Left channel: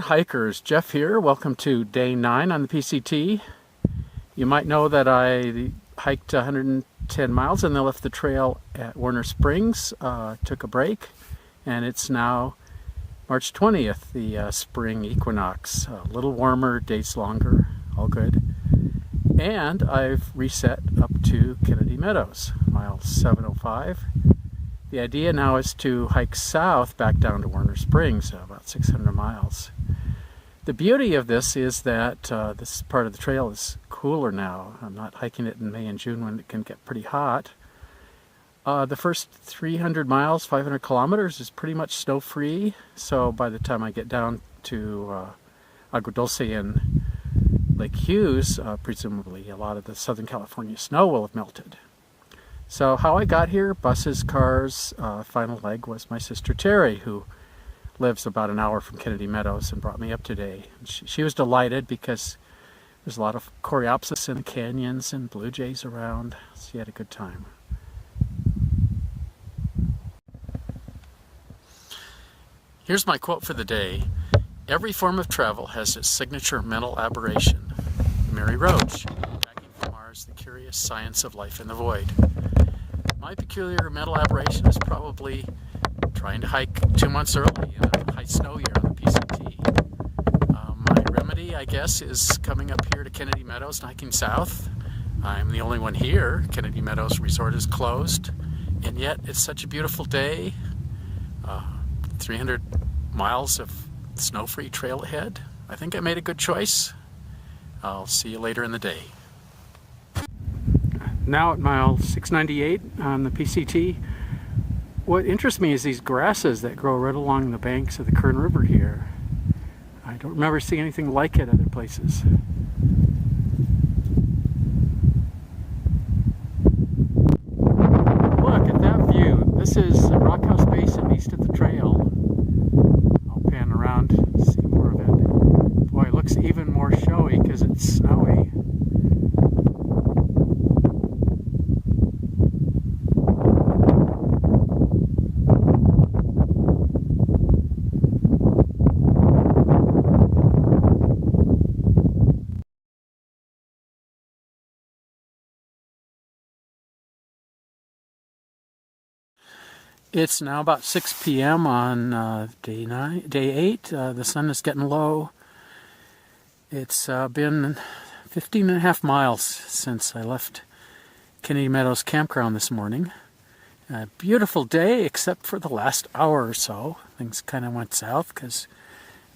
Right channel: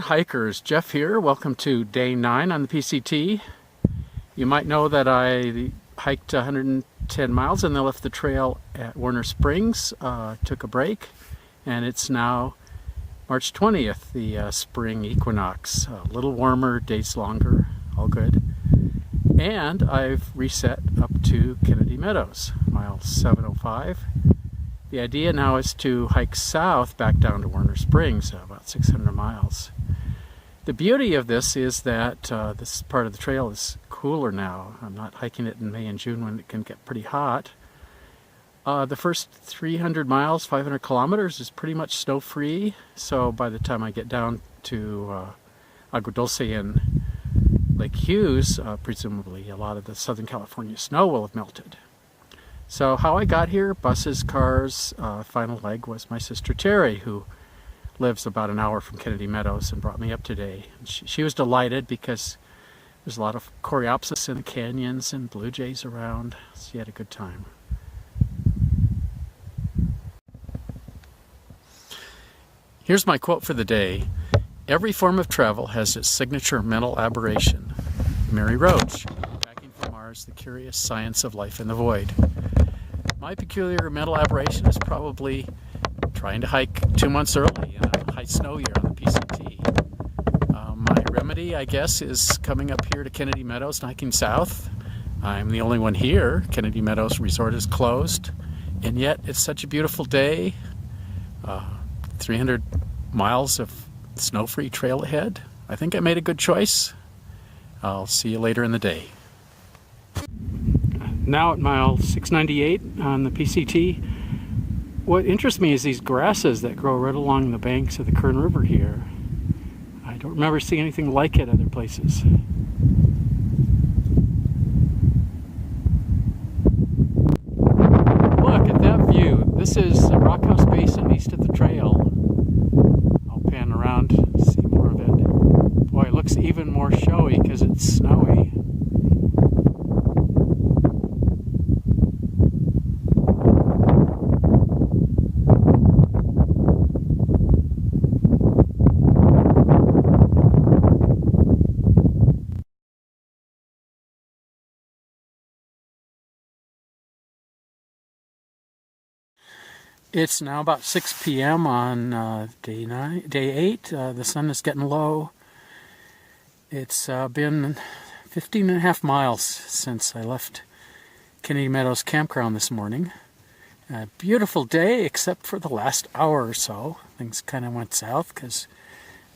afternoon, hikers. Jeff here. Welcome to day 9 on the PCT. You might know that I hiked 110 miles and then left the trail at Warner Springs, took a break, and it's now March 20th, the spring equinox. A little warmer, days longer, all good. And I've reset up to Kennedy Meadows, mile 705. The idea now is to hike south back down to Warner Springs, about 600 miles. The beauty of this is that this part of the trail is cooler now. I'm not hiking it in May and June when it can get pretty hot. The first 300 miles, 500 kilometers is pretty much snow-free, so by the time I get down to Agua Dulce and Lake Hughes, presumably a lot of the Southern California snow will have melted. So how I got here, buses, cars, final leg was my sister Terry, who lives about an hour from Kennedy Meadows and brought me up today. And she was delighted because there's a lot of coreopsis in the canyons and blue jays around. She had a good time. Here's my quote for the day. Every form of travel has its signature mental aberration. Mary Roach, Packing for Mars, The Curious Science of Life in the Void. My peculiar mental aberration is probably trying to hike 2 months early in a high snow year on the PCT. My remedy, I guess, is coming up here to Kennedy Meadows and hiking south. I'm the only one here. Kennedy Meadows Resort is closed, and yet it's such a beautiful day. 300 miles of snow-free trail ahead. I think I made a good choice. I'll see you later in the day. Now at mile 698 on the PCT. What interests me is these grasses that grow right along the banks of the Kern River here. I don't remember seeing anything like it other places. Look at that view. This is Rock House Basin east of the trail. I'll pan around, see more of it. Boy, it looks even more showy because it's snowy. It's now about 6 p.m. on day 8. The sun is getting low. It's been 15 and a half miles since I left Kennedy Meadows Campground this morning. A beautiful day, except for the last hour or so. Things kind of went south because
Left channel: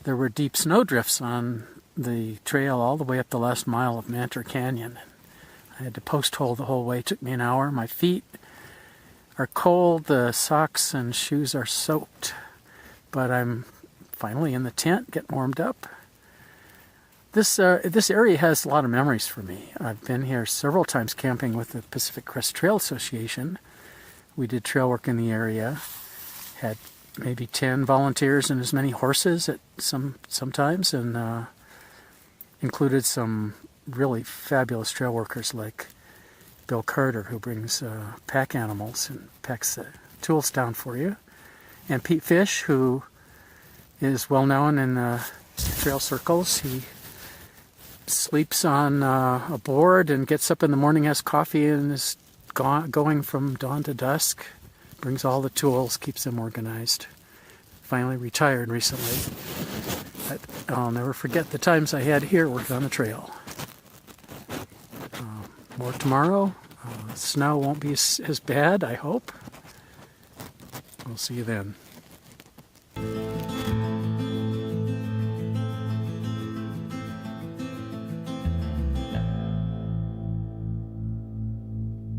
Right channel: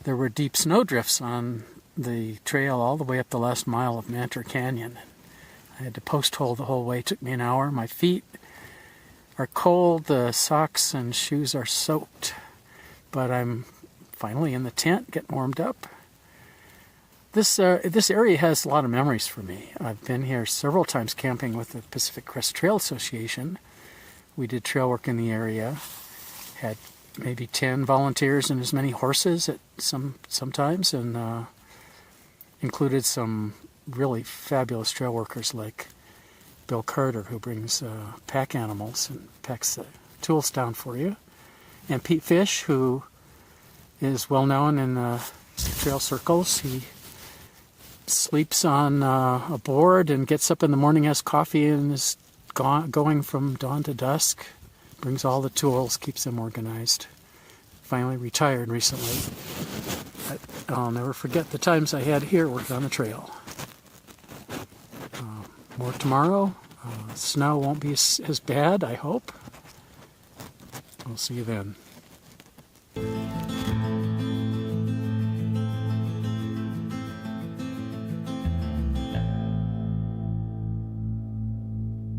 there were deep snow drifts on the trail all the way up the last mile of Mantor Canyon. I had to post hole the whole way. It took me an hour. My feet are cold, the socks and shoes are soaked, but I'm finally in the tent, getting warmed up. This area has a lot of memories for me. I've been here several times camping with the Pacific Crest Trail Association. We did trail work in the area, had maybe 10 volunteers and as many horses at sometimes, and included some really fabulous trail workers like Bill Carter, who brings pack animals and packs tools down for you, and Pete Fish, who is well known in trail circles. He sleeps on a board and gets up in the morning, has coffee, and is going from dawn to dusk. Brings all the tools, keeps them organized. Finally retired recently. But I'll never forget the times I had here working on the trail. More tomorrow. Snow won't be as bad, I hope. We'll see you then.